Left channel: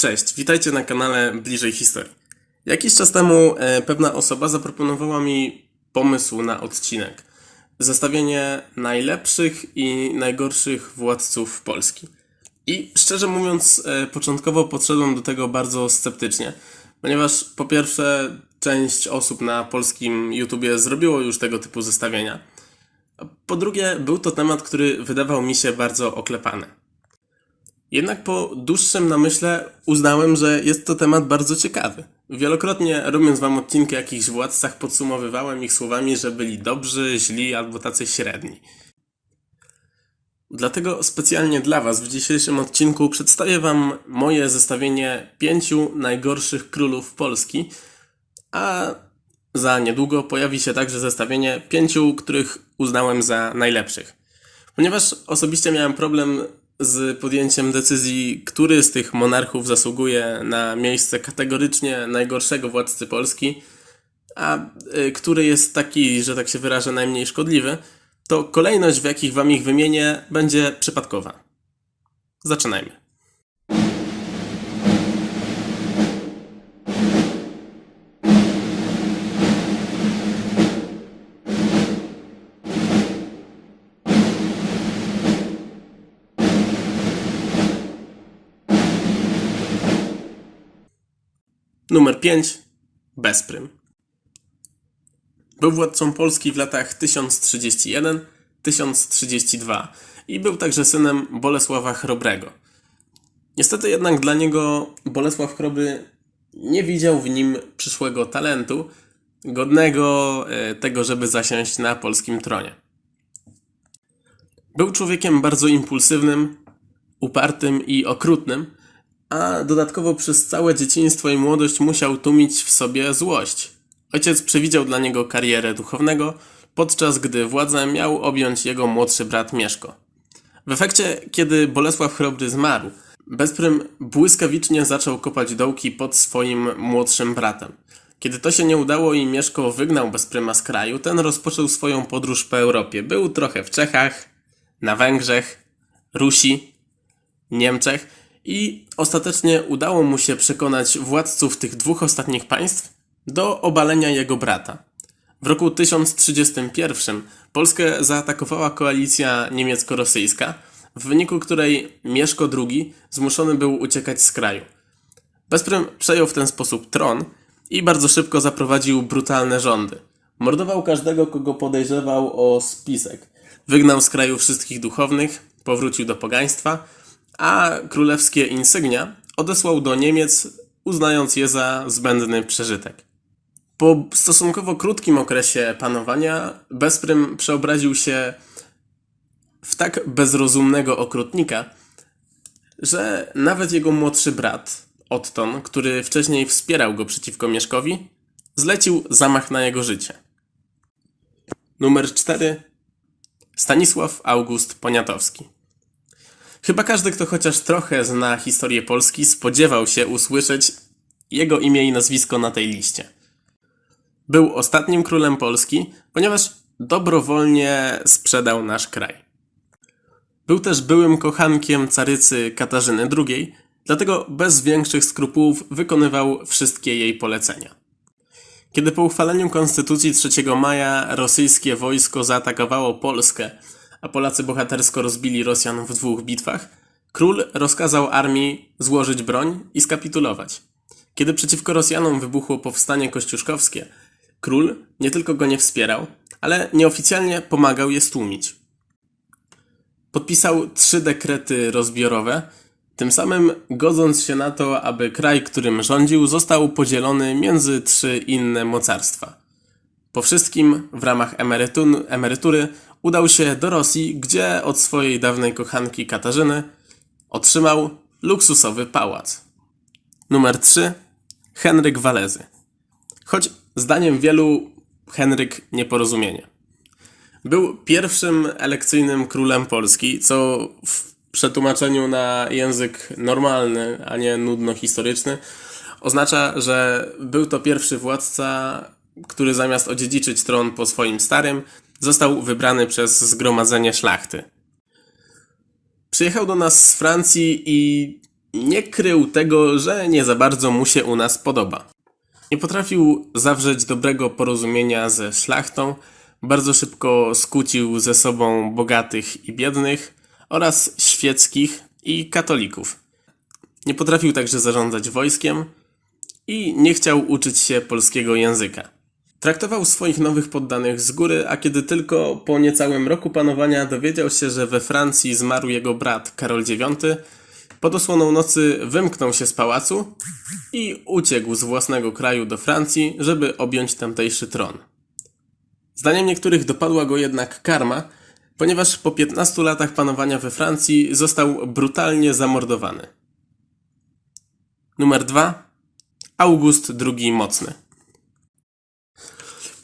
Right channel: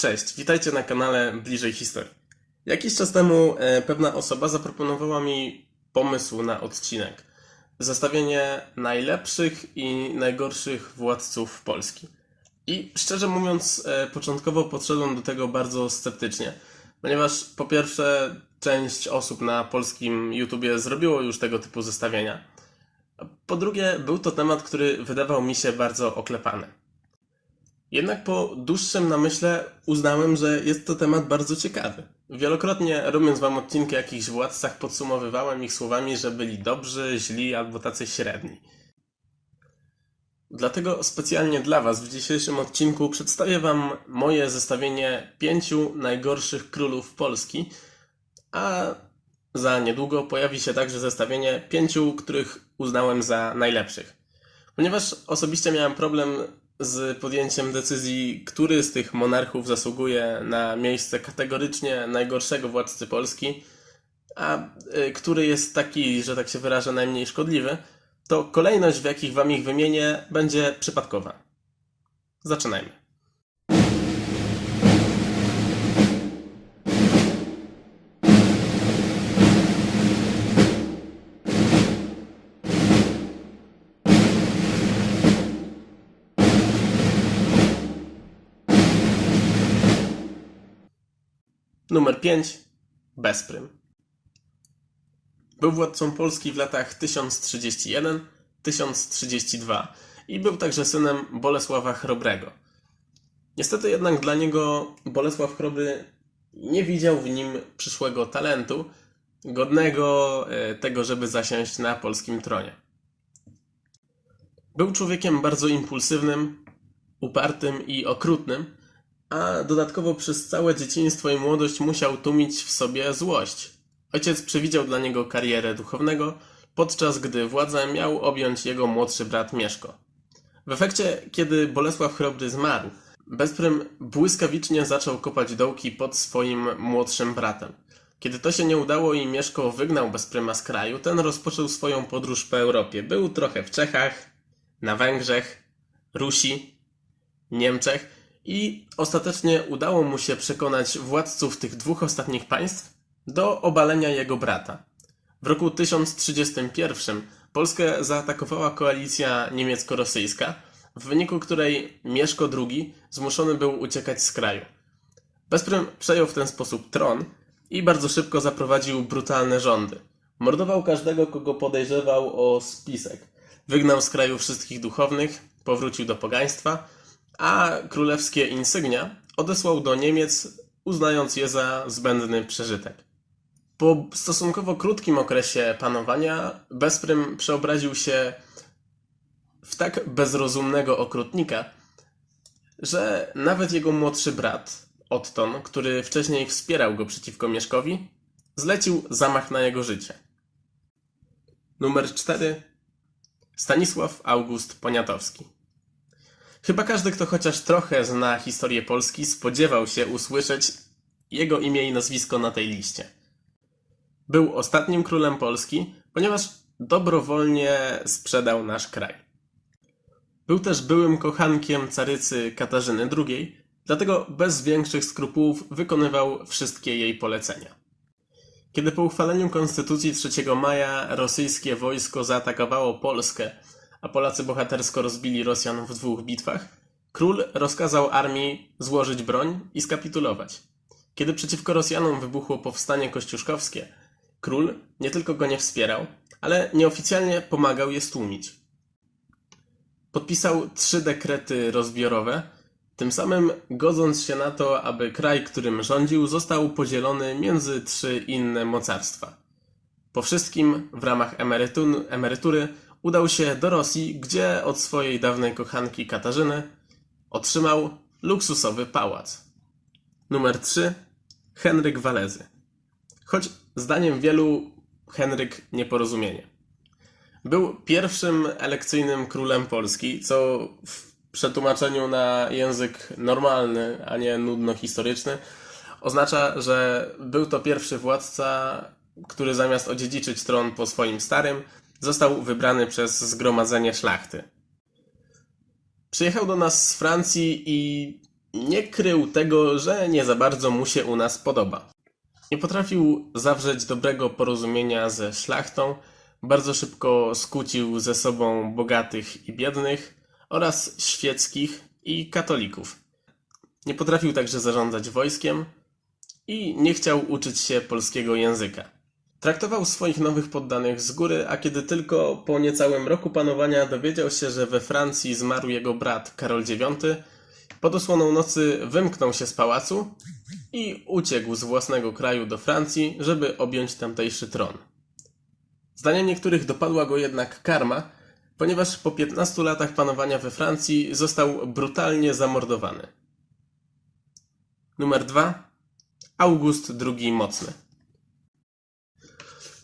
Cześć, witajcie na kanale Bliżej Historii. Jakiś czas temu e, pewna osoba zaproponowała mi pomysł na odcinek. Zestawienie najlepszych i najgorszych władców Polski. I szczerze mówiąc, e, początkowo podszedłem do tego bardzo sceptycznie, ponieważ po pierwsze, część osób na polskim YouTubie zrobiło już tego typu zestawienia. Po drugie, był to temat, który wydawał mi się bardzo oklepany. Jednak po dłuższym namyśle uznałem, że jest to temat bardzo ciekawy. Wielokrotnie robiąc wam odcinki o jakichś władcach podsumowywałem ich słowami, że byli dobrzy, źli albo tacy średni. Dlatego specjalnie dla was w dzisiejszym odcinku przedstawię wam moje zestawienie pięciu najgorszych królów Polski, a za niedługo pojawi się także zestawienie pięciu, których uznałem za najlepszych. Ponieważ osobiście miałem problem z podjęciem decyzji, który z tych monarchów zasługuje na miejsce kategorycznie najgorszego władcy Polski, a y, który jest taki, że tak się wyrażę, najmniej szkodliwy, to kolejność, w jakich wam ich wymienię, będzie przypadkowa. Zaczynajmy. Numer 5. Bezprym. Był władcą Polski w latach 1031-1032 i był także synem Bolesława Chrobrego. Niestety jednak dla niego Bolesław Chrobry nie widział w nim przyszłego talentu, godnego e, tego, żeby zasiąść na polskim tronie. Był człowiekiem bardzo impulsywnym, upartym i okrutnym, a dodatkowo przez całe dzieciństwo i młodość musiał tłumić w sobie złość. Ojciec przewidział dla niego karierę duchownego, podczas gdy władzę miał objąć jego młodszy brat Mieszko. W efekcie, kiedy Bolesław Chrobry zmarł, Bezprym błyskawicznie zaczął kopać dołki pod swoim młodszym bratem. Kiedy to się nie udało i Mieszko wygnał Bezpryma z kraju, ten rozpoczął swoją podróż po Europie. Był trochę w Czechach, na Węgrzech, Rusi, Niemczech i ostatecznie udało mu się przekonać władców tych dwóch ostatnich państw do obalenia jego brata. W roku 1031 Polskę zaatakowała koalicja niemiecko-rosyjska, w wyniku której Mieszko II zmuszony był uciekać z kraju. Bezprym przejął w ten sposób tron i bardzo szybko zaprowadził brutalne rządy. Mordował każdego, kogo podejrzewał o spisek. Wygnał z kraju wszystkich duchownych, powrócił do pogaństwa, a królewskie insygnia odesłał do Niemiec, uznając je za zbędny przeżytek. Po stosunkowo krótkim okresie panowania Bezprym przeobraził się w tak bezrozumnego okrutnika, że nawet jego młodszy brat, Otton, który wcześniej wspierał go przeciwko Mieszkowi, zlecił zamach na jego życie. Numer 4. Stanisław August Poniatowski. Chyba każdy, kto chociaż trochę zna historię Polski, spodziewał się usłyszeć jego imię i nazwisko na tej liście. Był ostatnim królem Polski, ponieważ dobrowolnie sprzedał nasz kraj. Był też byłym kochankiem carycy Katarzyny II, dlatego bez większych skrupułów wykonywał wszystkie jej polecenia. Kiedy po uchwaleniu Konstytucji 3 maja rosyjskie wojsko zaatakowało Polskę, a Polacy bohatersko rozbili Rosjan w dwóch bitwach, król rozkazał armii złożyć broń i skapitulować. Kiedy przeciwko Rosjanom wybuchło powstanie kościuszkowskie, król nie tylko go nie wspierał, ale nieoficjalnie pomagał je stłumić. Podpisał trzy dekrety rozbiorowe, tym samym godząc się na to, aby kraj, którym rządził, został podzielony między trzy inne mocarstwa. Po wszystkim w ramach emerytu- emerytury udał się do Rosji, gdzie od swojej dawnej kochanki Katarzyny otrzymał luksusowy pałac. Numer 3. Henryk Walezy. Choć zdaniem wielu Henryk nieporozumienie. Był pierwszym elekcyjnym królem Polski, co w przetłumaczeniu na język normalny, a nie nudno-historyczny, oznacza, że był to pierwszy władca, który zamiast odziedziczyć tron po swoim starym, został wybrany przez zgromadzenie szlachty. Przyjechał do nas z Francji i nie krył tego, że nie za bardzo mu się u nas podoba. Nie potrafił zawrzeć dobrego porozumienia ze szlachtą, bardzo szybko skłócił ze sobą bogatych i biednych oraz świeckich i katolików. Nie potrafił także zarządzać wojskiem i nie chciał uczyć się polskiego języka. Traktował swoich nowych poddanych z góry, a kiedy tylko po niecałym roku panowania dowiedział się, że we Francji zmarł jego brat Karol IX, pod osłoną nocy wymknął się z pałacu i uciekł z własnego kraju do Francji, żeby objąć tamtejszy tron. Zdaniem niektórych dopadła go jednak karma, ponieważ po 15 latach panowania we Francji został brutalnie zamordowany. Numer 2. August II Mocny.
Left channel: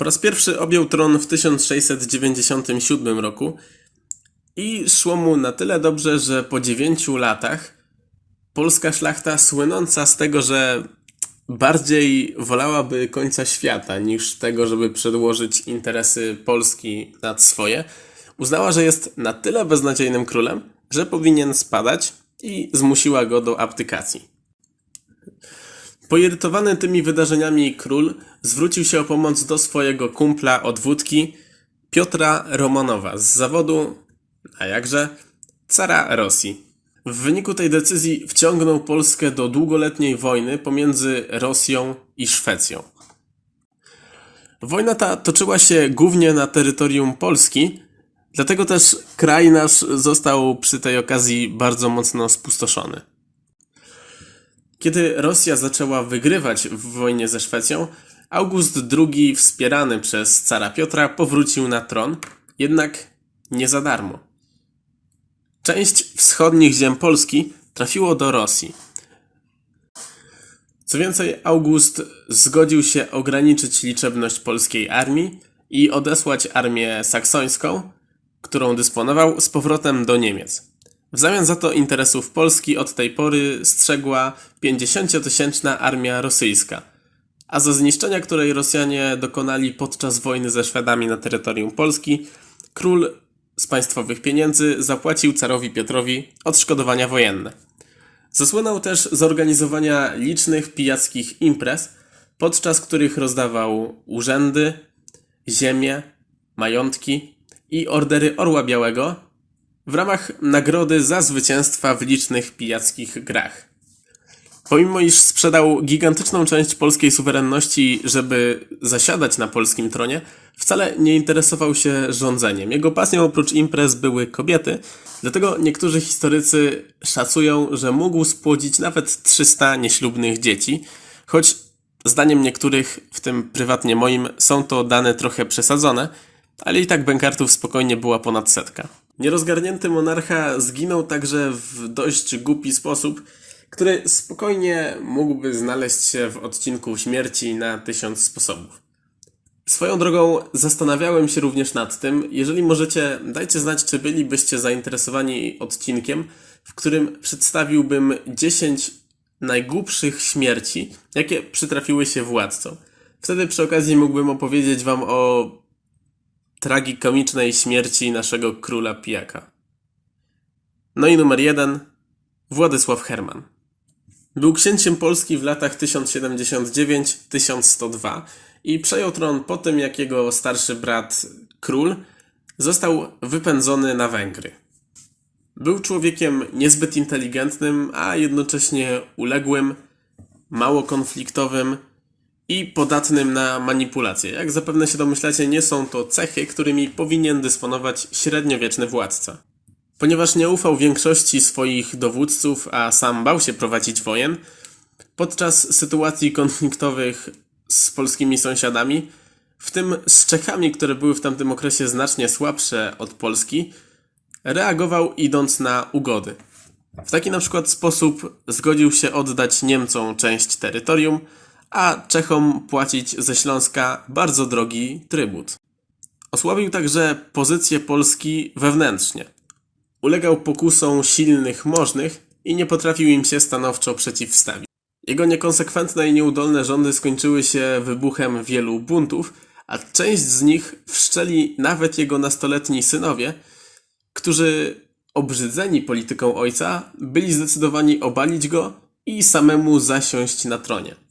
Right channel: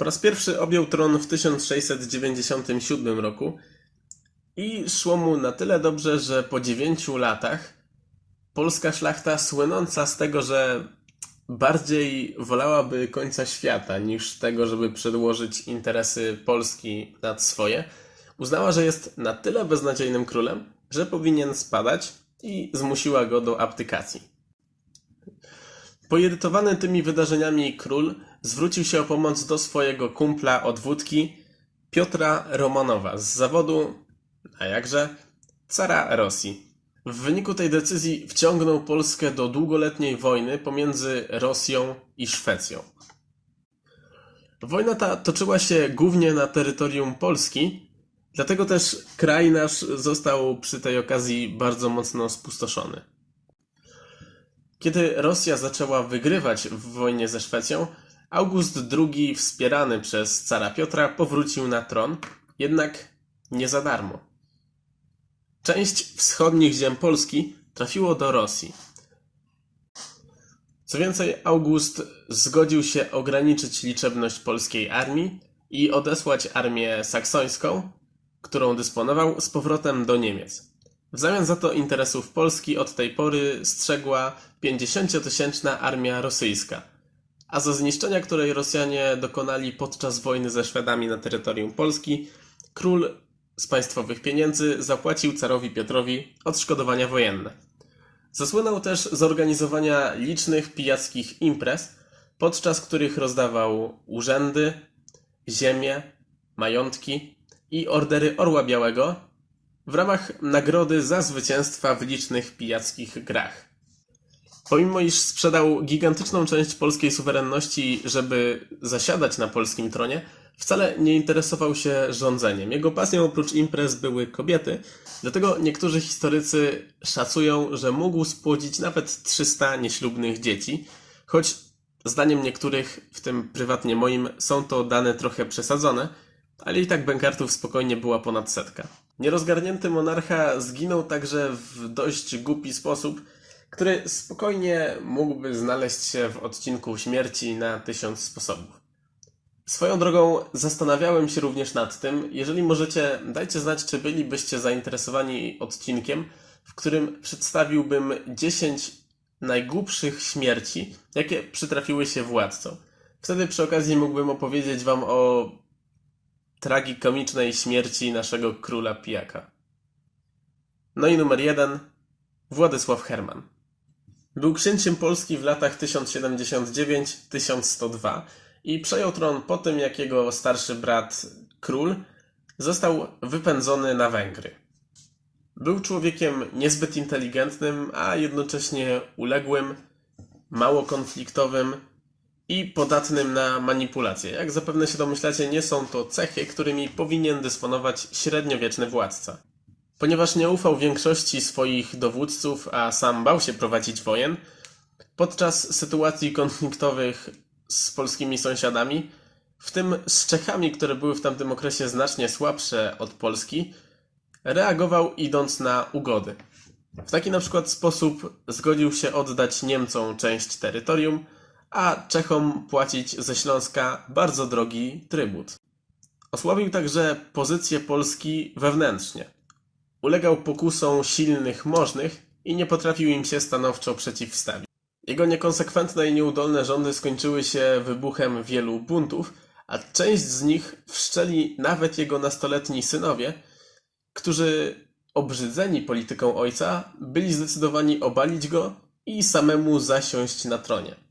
Po raz pierwszy objął tron w 1697 roku i szło mu na tyle dobrze, że po 9 latach polska szlachta słynąca z tego, że bardziej wolałaby końca świata niż tego, żeby przedłożyć interesy Polski nad swoje, uznała, że jest na tyle beznadziejnym królem, że powinien spadać i zmusiła go do abdykacji. Poirytowany tymi wydarzeniami król zwrócił się o pomoc do swojego kumpla od wódki Piotra Romanowa z zawodu, a jakże, cara Rosji. W wyniku tej decyzji wciągnął Polskę do długoletniej wojny pomiędzy Rosją i Szwecją. Wojna ta toczyła się głównie na terytorium Polski, dlatego też kraj nasz został przy tej okazji bardzo mocno spustoszony. Kiedy Rosja zaczęła wygrywać w wojnie ze Szwecją, August II, wspierany przez cara Piotra, powrócił na tron, jednak nie za darmo. Część wschodnich ziem Polski trafiło do Rosji. Co więcej, August zgodził się ograniczyć liczebność polskiej armii i odesłać armię saksońską, którą dysponował, z powrotem do Niemiec. W zamian za to interesów Polski od tej pory strzegła 50-tysięczna armia rosyjska, a za zniszczenia, której Rosjanie dokonali podczas wojny ze Szwedami na terytorium Polski, król z państwowych pieniędzy zapłacił carowi Piotrowi odszkodowania wojenne. Zasłynął też z organizowania licznych pijackich imprez, podczas których rozdawał urzędy, ziemię, majątki i ordery Orła Białego w ramach nagrody za zwycięstwa w licznych pijackich grach. Pomimo iż sprzedał gigantyczną część polskiej suwerenności, żeby zasiadać na polskim tronie, wcale nie interesował się rządzeniem. Jego pasją oprócz imprez były kobiety, dlatego niektórzy historycy szacują, że mógł spłodzić nawet 300 nieślubnych dzieci, choć zdaniem niektórych, w tym prywatnie moim, są to dane trochę przesadzone, ale i tak bękartów spokojnie była ponad setka. Nierozgarnięty monarcha zginął także w dość głupi sposób, który spokojnie mógłby znaleźć się w odcinku śmierci na tysiąc sposobów. Swoją drogą zastanawiałem się również nad tym, jeżeli możecie, dajcie znać, czy bylibyście zainteresowani odcinkiem, w którym przedstawiłbym 10 najgłupszych śmierci, jakie przytrafiły się władcom. Wtedy przy okazji mógłbym opowiedzieć wam o tragikomicznej śmierci naszego króla pijaka. No i numer jeden. Władysław Herman. Był księciem Polski w latach 1079-1102 i przejął tron po tym, jak jego starszy brat, król, został wypędzony na Węgry. Był człowiekiem niezbyt inteligentnym, a jednocześnie uległym, mało konfliktowym i podatnym na manipulacje. Jak zapewne się domyślacie, nie są to cechy, którymi powinien dysponować średniowieczny władca. Ponieważ nie ufał większości swoich dowódców, a sam bał się prowadzić wojen, podczas sytuacji konfliktowych z polskimi sąsiadami, w tym z Czechami, które były w tamtym okresie znacznie słabsze od Polski, reagował idąc na ugody. W taki na przykład sposób zgodził się oddać Niemcom część terytorium, a Czechom płacić ze Śląska bardzo drogi trybut. Osłabił także pozycję Polski wewnętrznie. Ulegał pokusom silnych możnych i nie potrafił im się stanowczo przeciwstawić. Jego niekonsekwentne i nieudolne rządy skończyły się wybuchem wielu buntów, a część z nich wszczeli nawet jego nastoletni synowie, którzy obrzydzeni polityką ojca, byli zdecydowani obalić go i samemu zasiąść na tronie.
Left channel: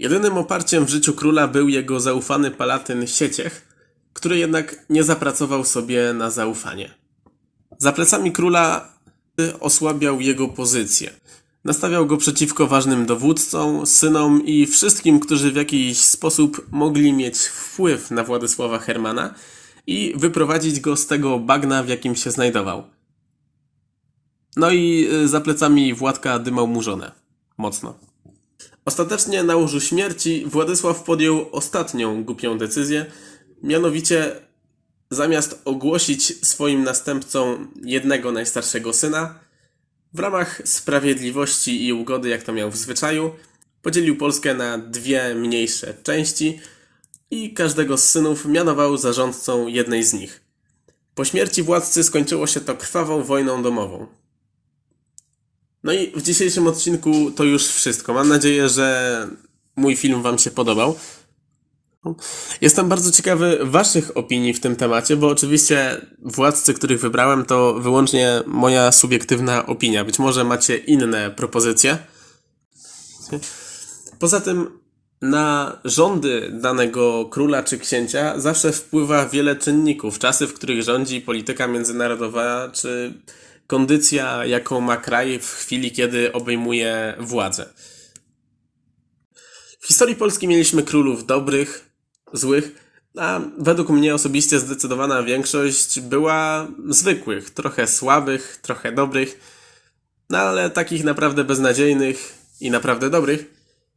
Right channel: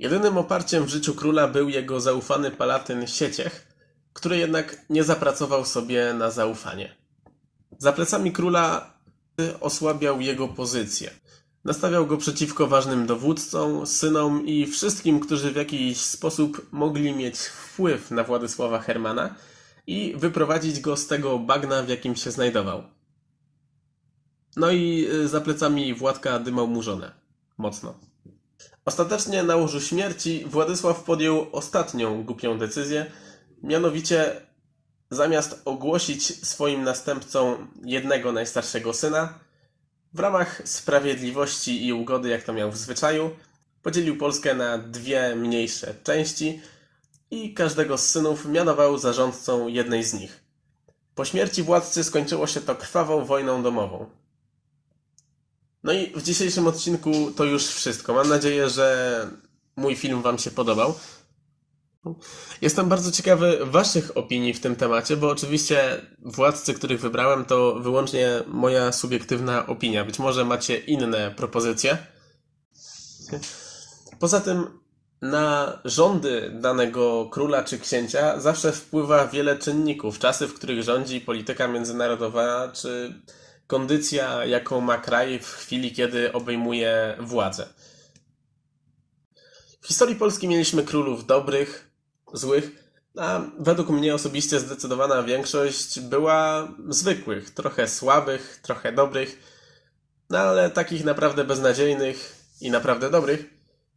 Jedynym oparciem w życiu króla był jego zaufany palatyn Sieciech, który jednak nie zapracował sobie na zaufanie. Za plecami króla osłabiał jego pozycję. Nastawiał go przeciwko ważnym dowódcom, synom i wszystkim, którzy w jakiś sposób mogli mieć wpływ na Władysława Hermana i wyprowadzić go z tego bagna, w jakim się znajdował. No i y, za plecami Władka dymał mu żonę. Mocno. Ostatecznie na łożu śmierci Władysław podjął ostatnią głupią decyzję, mianowicie zamiast ogłosić swoim następcą jednego najstarszego syna, w ramach sprawiedliwości i ugody, jak to miał w zwyczaju, podzielił Polskę na dwie mniejsze części i każdego z synów mianował zarządcą jednej z nich. Po śmierci władcy skończyło się to krwawą wojną domową. No i w dzisiejszym odcinku to już wszystko. Mam nadzieję, że mój film Wam się podobał. Jestem bardzo ciekawy Waszych opinii w tym temacie, bo oczywiście władcy, których wybrałem, to wyłącznie moja subiektywna opinia. Być może macie inne propozycje. Poza tym na rządy danego króla czy księcia zawsze wpływa wiele czynników. Czasy, w których rządzi polityka międzynarodowa, czy kondycja, jaką ma kraj w chwili, kiedy obejmuje władzę. W historii Polski mieliśmy królów dobrych, złych, a według mnie osobiście zdecydowana większość była zwykłych, trochę słabych, trochę dobrych, no ale takich naprawdę beznadziejnych i naprawdę dobrych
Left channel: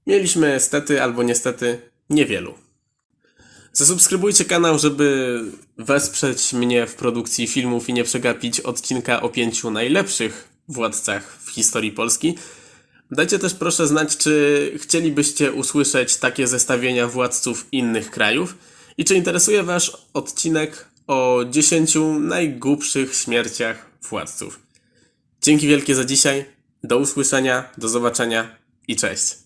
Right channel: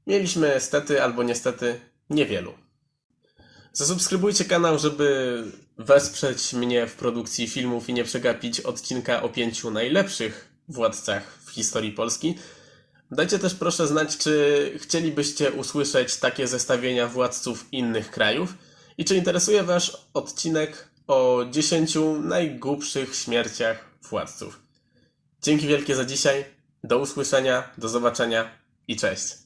mieliśmy stety albo niestety niewielu. Zasubskrybujcie kanał, żeby wesprzeć mnie w produkcji filmów i nie przegapić odcinka o pięciu najlepszych władcach w historii Polski. Dajcie też proszę znać, czy chcielibyście usłyszeć takie zestawienia władców innych krajów i czy interesuje Was odcinek o 10 najgłupszych śmierciach władców. Dzięki wielkie za dzisiaj, do usłyszenia, do zobaczenia i cześć.